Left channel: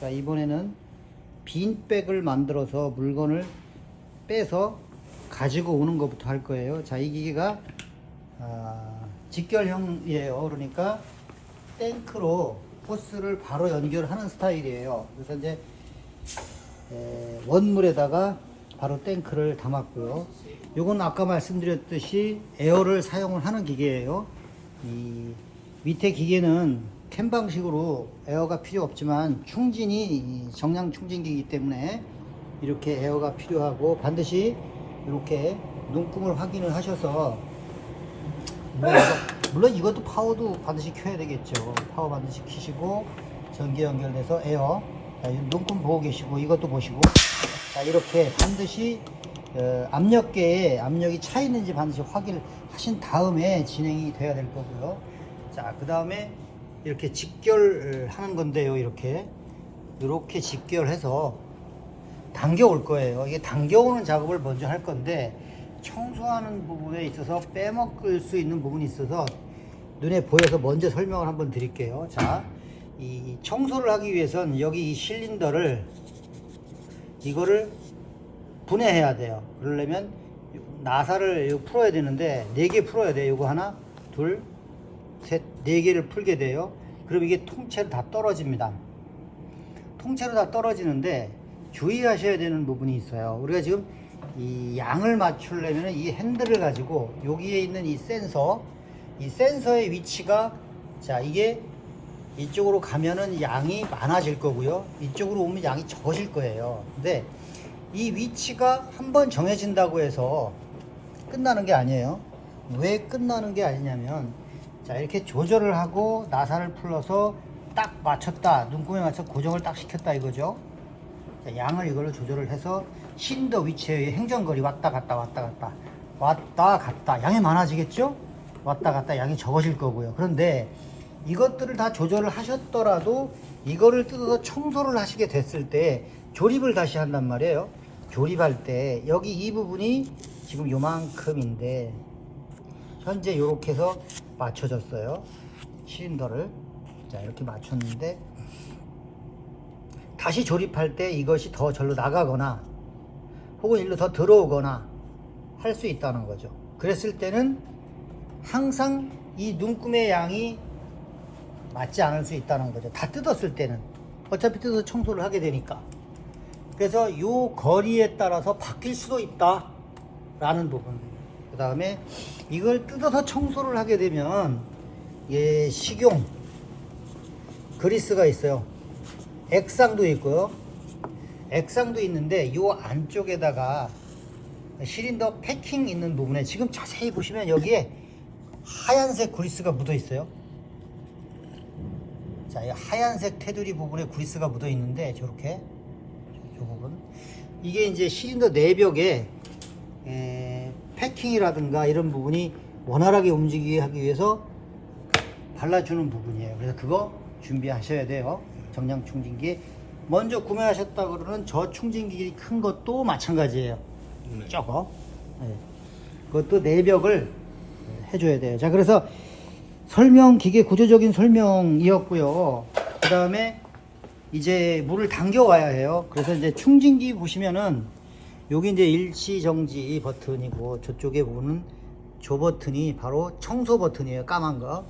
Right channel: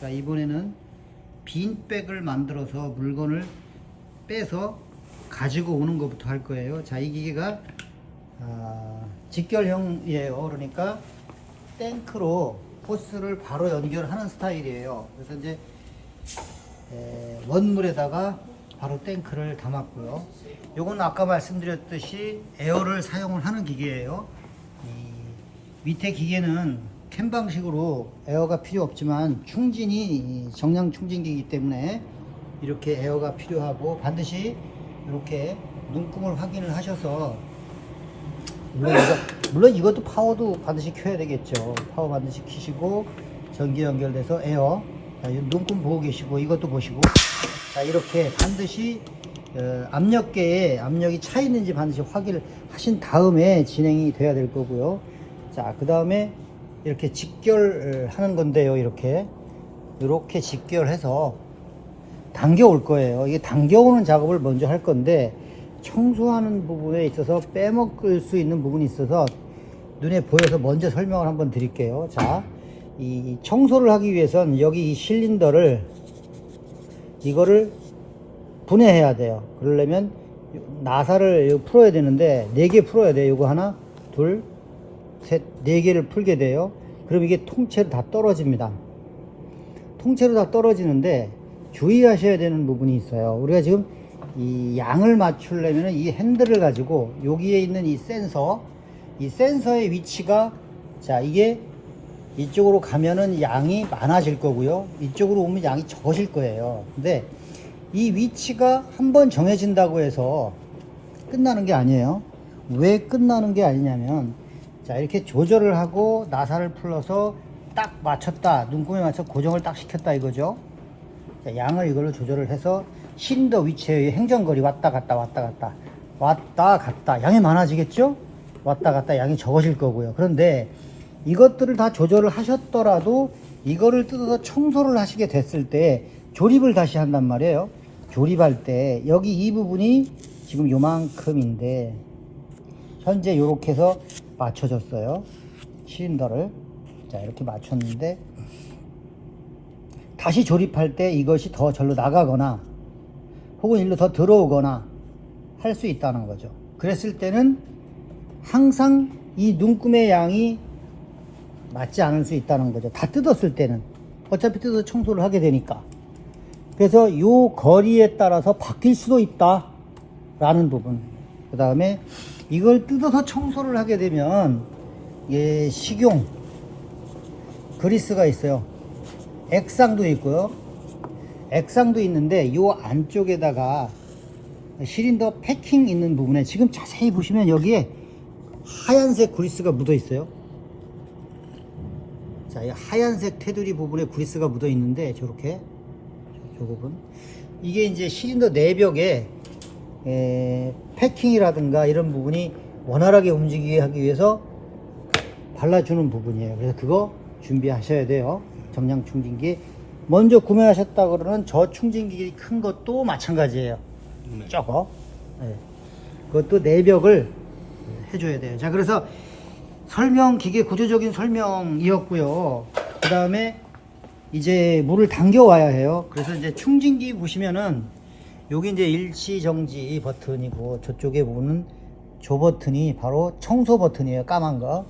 자, 이번에는 빈 백을 만들어서 물건을 빼서 가지고 오는 것부터 할 거예요. 자, 이 기계가 직결형이에요. 그러니까 탱크로 호스를 바로 연결하는 스타일이에요. 그래서 이제 원물에다가 바로 탱크를 담았고요. 요건 아까 말씀드렸듯이 에어를 사용을 하는 기계예요. 이 밑에 기계는 캔 방식으로 에어가 필요 없지만 충진이 정량 충진기이기 때문에 이렇게 에어가 필요하고, 반드시 이렇게 눈금을 확인을 하셔서, 물론 이것도 파워도 반드시 켜야 되겠죠. 파워 반드시 켜시고 전기 연결돼서 에어, 눈금 보고 계시고 이것도 보시고, 자, 이렇게 반드시 압력계에 압력이 차 있는지 반드시 확인을 하신 다음에 진행이 돼야 될 거고요. 자, 그 다음에 이렇게 직결하는 건데요. 이렇게 직결해서 당겨 올 거예요. 이게 당겨오는 작업을 먼저 할 건데, 청소하는 부분에 있어서 빼먹을 수 있는 부분이 있어서 눈에 보여서 먼저 설명을 한번 드릴게요. 자, 이 청소를 하기 위해선 여기 이 실린더를, 이거를 분해해야 돼요. 그러려면 나사를 풀어야 되는데 4개 풀어야 돼요. 이거 하나, 둘, 셋, 4개를 풀게 돼요. 그럼 이게 통째로 다 떨어집니다. 통째로 다 떨어지는데 주의하셔야 되는 부분이 있어요. 우리가 지금 이 양을 맞추려면 이 핸들을 가지고 여기에 있는 이 센서의 위치가, 자, 이게 이쪽으로 가면은 양이 많아질 거고요. 이쪽으로 오면 양이 적어질 거예요. 근데 이 위치가 한번 정해진다고 해서 끝나는 게 아니에요. 왜 끝나는 게 아니냐면, 자, 이렇게 조절을 하고 나사를 풀어서 딱 맞췄다, 눈금에 맞춰 고정을 딱 시켰다 이거죠. 자, 양을 이걸로 조절을 해서 실린더 위치의 행정거리 왔다 갔다 왔다 갔다 양이 많아지겠죠. 왔다 갔다 양이 적어질 거고요. 그런데 이것들을 다 조절을 하셨더라도 이거를 뜯어서 청소를 하시게 됐을 때 조립을 다시 한단 말이에요. 조립할 때 여기 이 부분이 지금 요만큼인데 현재 이렇게 해서 맞춰졌어요. 실린더를. 자, 이렇게 맞췄는데 다시 조립할 때 이것이 더 절로 나가거나 혹은 일로 더 들어오거나 할 수 있다는 거죠. 그랬을 때는 항상 이 눈금의 양이 맞지 않을 수 있다는 거죠. 다 뜯었을 때는 어차피 뜯어서 청소를 하게 되니까. 그래서 요 거리에 따라서 바뀔 수도 있다 라는 부분. 그 다음에 이걸 뜯어서 청소를 하게 되면 식용 그리스가 있어요. 액상도 있고요. 액상도 있는데 요 안쪽에다가 실린더 패킹 있는 부분에 지금 자세히 보시면 여기에 하얀색 그리스가 묻어 있어요. 자, 이 하얀색 테두리 부분에 그리스가 묻어 있는데 저렇게 저 부분, 이게 이제 실린더 내벽에 패킹이라든가 이런 부분이 원활하게 움직이게 하기 위해서 발라주는 부분이에요. 그래서 그거 준비하셔야 돼요. 정량 충진기 먼저 구매하셨다 그러는 저 충진기 큰 것도 마찬가지예요. 저거, 그것도 내벽을 해줘야 돼요. 자, 그래서 설명, 기계 구조적인 설명이었고요. 그 다음에 이제 물을 당겨 와야 해요. 그래서 이제 충진기 보시면은 여기 이제 일시정지 버튼이고 저쪽에 보는 저 버튼이 바로 청소 버튼이에요. 까만 거.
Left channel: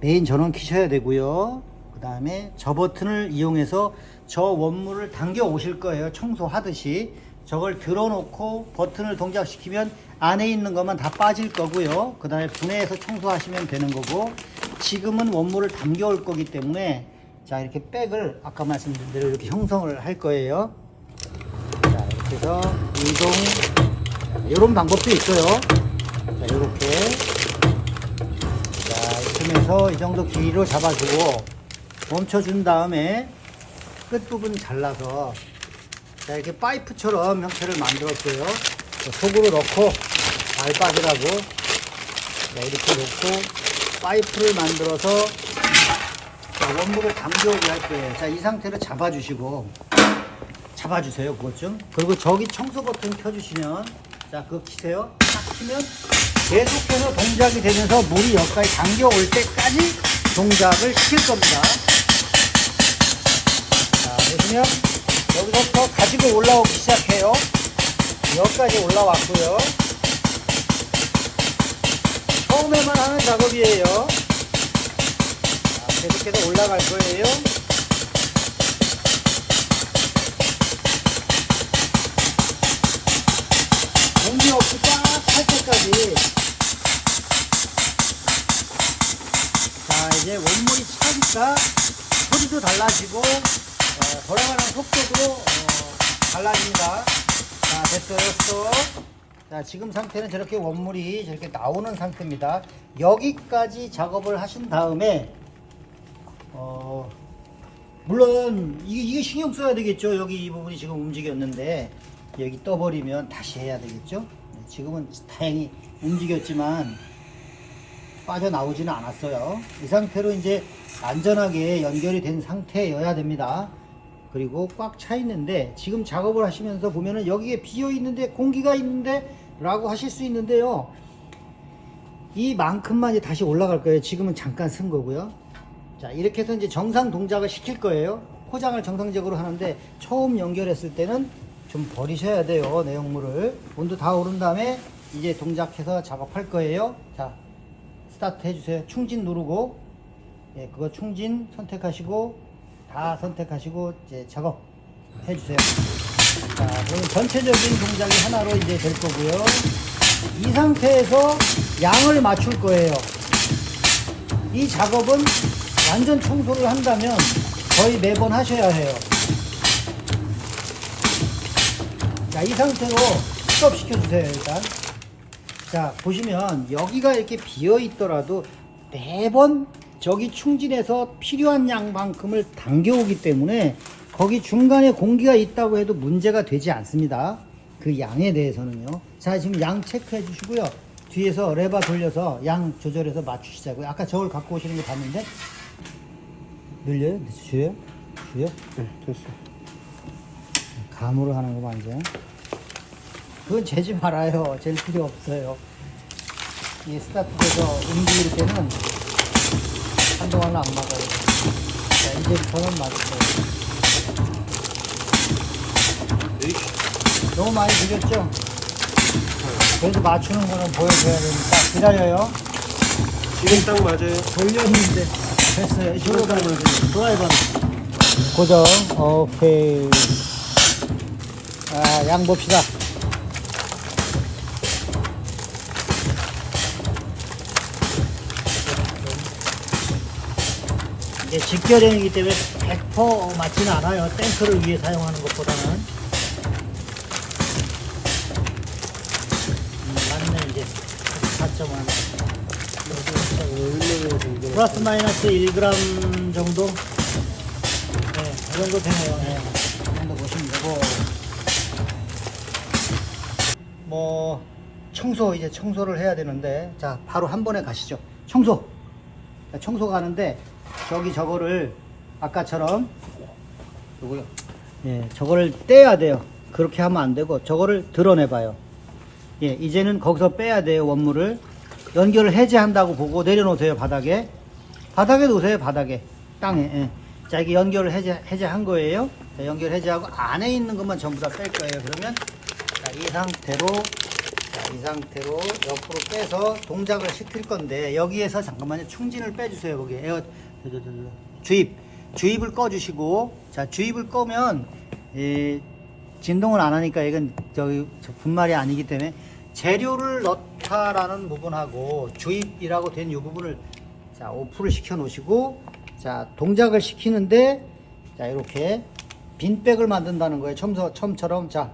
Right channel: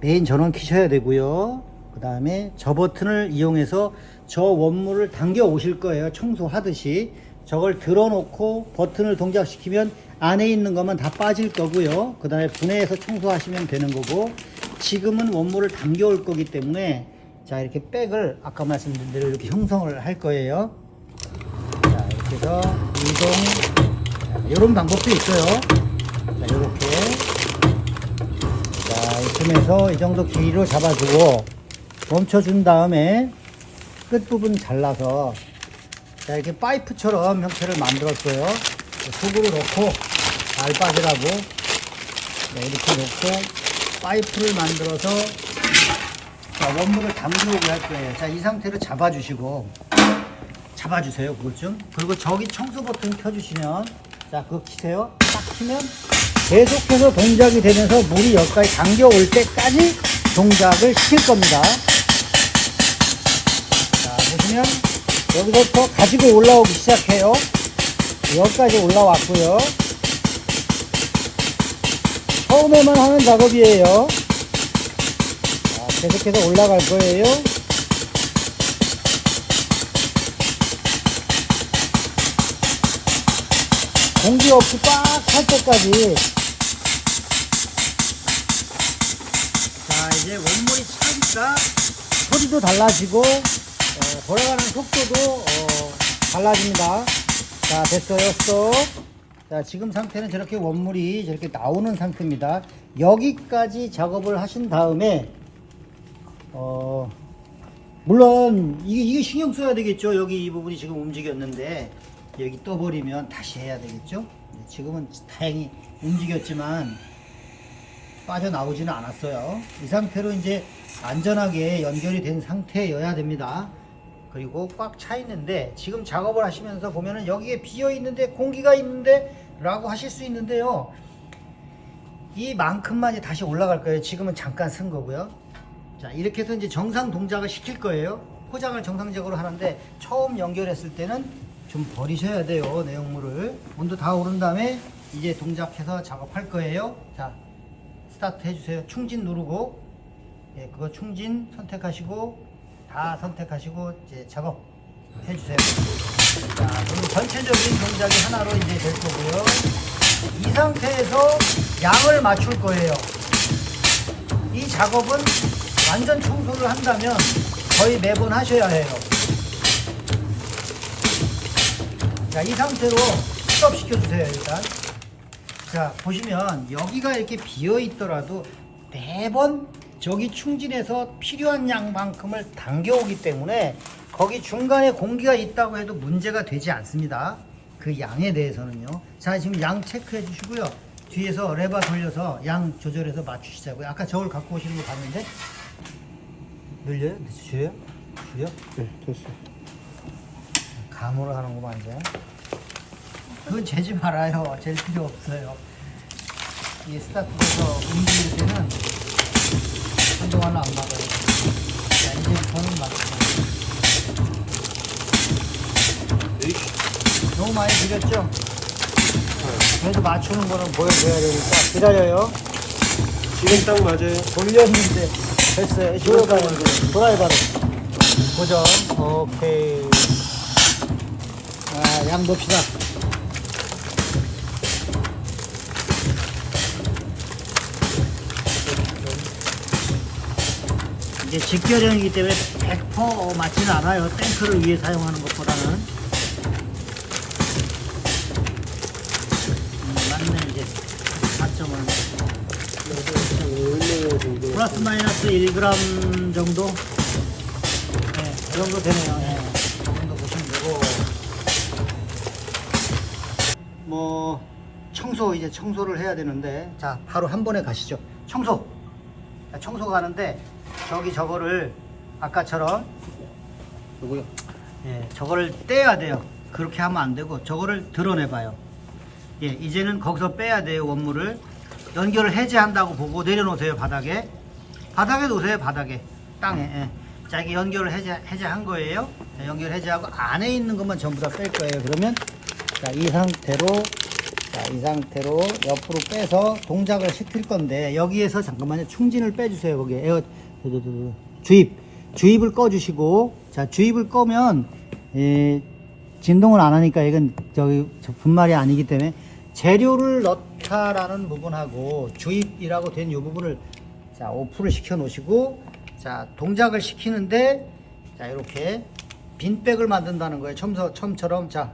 메인 전원 켜셔야 되고요. 그 다음에 저 버튼을 이용해서 저 원물을 당겨 오실 거예요. 청소하듯이. 저걸 들어놓고 버튼을 동작시키면 안에 있는 것만 다 빠질 거고요. 그 다음에 분해해서 청소하시면 되는 거고, 지금은 원물을 당겨 올 거기 때문에, 자, 이렇게 백을 아까 말씀드린 대로 이렇게 형성을 할 거예요. 자, 이렇게 해서 이동, 이런 방법도 있어요. 자, 이렇게. 자, 이쯤에서 이 정도 길이로 잡아주고 멈춰준 다음에 끝부분 잘라서, 자, 이렇게 파이프처럼 형태를 만들었어요. 속으로 넣고 알빠지라고, 이렇게 넣고 파이프를 만들어서, 자, 원물을 당겨오게 할 거예요. 자, 이 상태로 잡아주세요. 그것 좀. 그리고 저기 청소 버튼 켜주시면, 자, 그거 키세요. 딱 키면 계속해서 동작이 되면서 물이 여기까지 당겨올 때까지 동작을 시킬 겁니다. 여기서부터 가지고 올라오기 시작해요. 여기까지 올라왔고요. 처음에만 하는 작업이에요. 자, 계속해서 올라갈 거예요. 공기 없이 꽉 찰 때까지. 자, 이제 원물이 차니까 소리도 달라지고 돌아가는 속도도 달라집니다. 자, 됐어요. 스톱. 자, 지금 상태는 저렇게 원물이 저렇게 나오는 상태입니다. 여기까지 작업을 하신 다음에 물론 이게 신경 써야 되겠죠. 여기 이 부분이 지금 움직였는데 여기 떠버리면 다시 해야 되겠죠. 지금은 다행히 움직였지만 빠져나오지는 않았어요. 이 상태로 이제 안전하게 연결이 된 상태여야 됩니다. 그리고 꽉 차 있는데 지금 작업을 하시면서 보면은 여기에 비어 있는데 공기가 있는데 라고 하실 수 있는데요, 이만큼만 이제 다시 올라갈 거예요. 지금은 잠깐 쓴 거고요. 자, 이렇게 해서 이제 정상 동작을 시킬 거예요. 포장을 정상적으로 하는데 처음 연결했을 때는 좀 버리셔야 돼요. 내용물을. 온도 다 오른 다음에 이제 동작해서 작업할 거예요. 자, 스타트 해주세요. 충진 누르고, 예, 그거 충진 선택하시고 다 선택하시고 이제 작업 해주세요. 자, 오늘 전체적인 동작이 하나로 이제 될 거고요. 이 상태에서 양을 맞출 거예요. 이 작업은 완전 청소를 한다면 거의 매번 하셔야 해요. 자, 이 상태로 스톱 시켜주세요. 일단 자, 보시면 여기가 이렇게 비어 있더라도 매번 저기 충진해서 필요한 양만큼을 당겨오기 때문에 거기 중간에 공기가 있다고 해도 문제가 되지 않습니다. 그 양에 대해서는요. 자, 지금 양 체크해 주시고요. 뒤에서 레버 돌려서 양 조절해서 맞추시자고요. 아까 저걸 갖고 오시는 거 봤는데 늘려요? 줄여요? 줄여? 네, 됐어요. 감으로 하는 거 완전. 그건 재지 말아요. 잴 필요 없어요. 이 스타트에서 움직일 때는 한동안은 안 먹어요. 자, 이제 보면 맞았어요. 너무 많이 들렸죠? 그래도 맞추는 거는 보여줘야 되니까 기다려요. 지금 딱 맞아요. 돌렸는데 됐어요. 지금 딱 맞아요. 드라이버로 고정. 오케이. 아, 양 봅시다. 이제 직결형이기 때문에 100% 맞지는 않아요. 탱크를 위해 사용하는 것보다는. 맞네. 이제 4.1 플러스 마이너스 1g 정도. 네, 그 정도 되네요. 네, 그 정도 보시면 되고, 뭐 청소, 이제 청소를 해야 되는데, 자, 바로 한 번에 가시죠. 청소. 자, 청소가 하는데 저기 저거를 아까처럼 요거요. 예, 저거를 떼야 돼요. 그렇게 하면 안 되고 저거를 드러내 봐요. 예, 이제는 거기서 빼야 돼요. 원물을 연결을 해제한다고 보고 내려놓으세요. 바닥에 놓으세요. 바닥에 땅에. 예. 자, 이게 연결을 해제한 거예요. 자, 연결 해제하고 안에 있는 것만 전부 다 뺄 거예요. 그러면 자, 이 상태로 옆으로 빼서 동작을 시킬 건데, 여기에서 잠깐만요. 충진을 빼주세요. 거기 에어 주입을 꺼주시고, 자, 주입을 꺼면 진동을 안 하니까 이건 저기 분말이 아니기 때문에 재료를 넣다라는 부분하고 주입이라고 된 이 부분을 자, 오프를 시켜 놓으시고, 자, 동작을 시키는데, 자, 이렇게 빈백을 만든다는 거예요. 처음처럼. 자,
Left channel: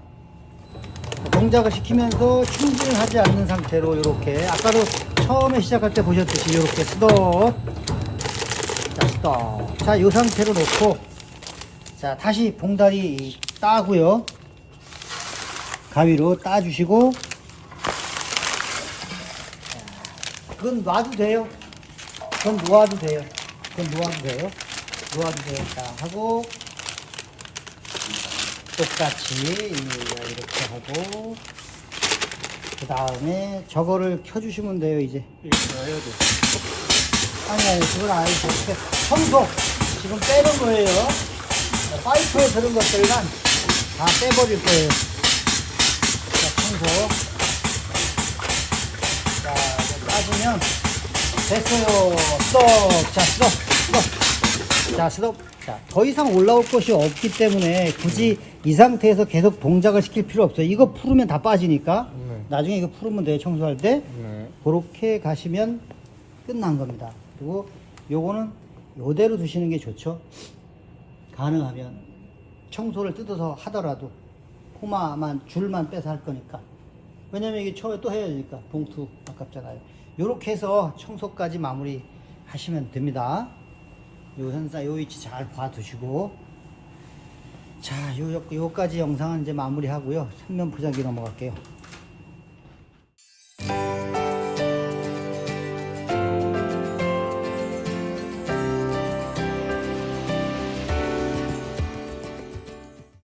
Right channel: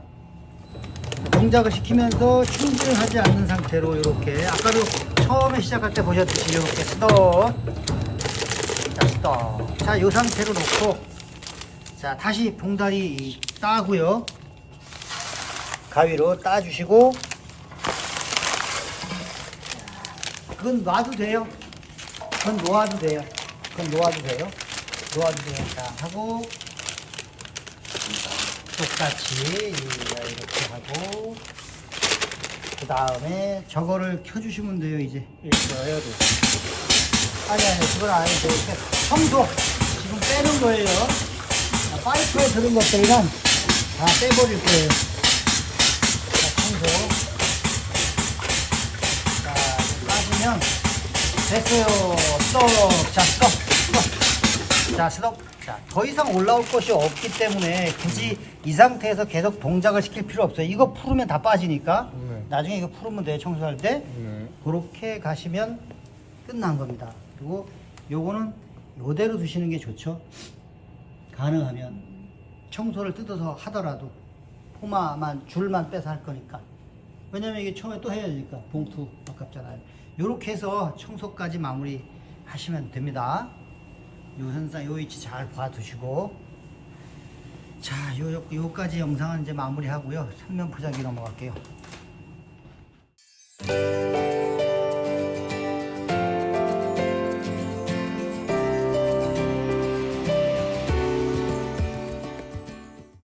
동작을 시키면서 충진을 하지 않는 상태로 이렇게, 아까도 처음에 시작할 때 보셨듯이 이렇게 스톱. 자, 스톱. 자, 이 상태로 놓고, 자, 다시 봉다리 따고요. 가위로 따주시고, 그건 놔도 돼요. 그건 놓아도 돼요. 자, 하고, 똑같이 이렇게 하고, 그 다음에 저거를 켜주시면 돼요. 이제 이렇게 해야 돼. 아니, 그건 아니고 이렇게 청소 지금 빼는 거예요. 자, 파이프에 들은 것들만 다 빼버릴 거예요. 청소. 자, 따주면 됐어요. 스톱. 자, 스톱. 자, 스톱. 자, 더 이상 올라올 것이 없기 때문에 굳이 이 상태에서 계속 동작을 시킬 필요 없어요. 이거 풀으면 다 빠지니까 나중에 이거 풀으면 돼요. 청소할 때. 그렇게 가시면 끝난 겁니다. 그리고 요거는 요대로 두시는 게 좋죠. 가능하면 청소를 뜯어서 하더라도 포마만 줄만 빼서 할 거니까. 왜냐면 이게 처음에 또 해야 되니까 봉투 아깝잖아요. 요렇게 해서 청소까지 마무리 하시면 됩니다. 요 현사 요 위치 잘 봐두시고, 자 요까지 영상은 이제 마무리 하고요. 생면 포장기로 넘어갈게요.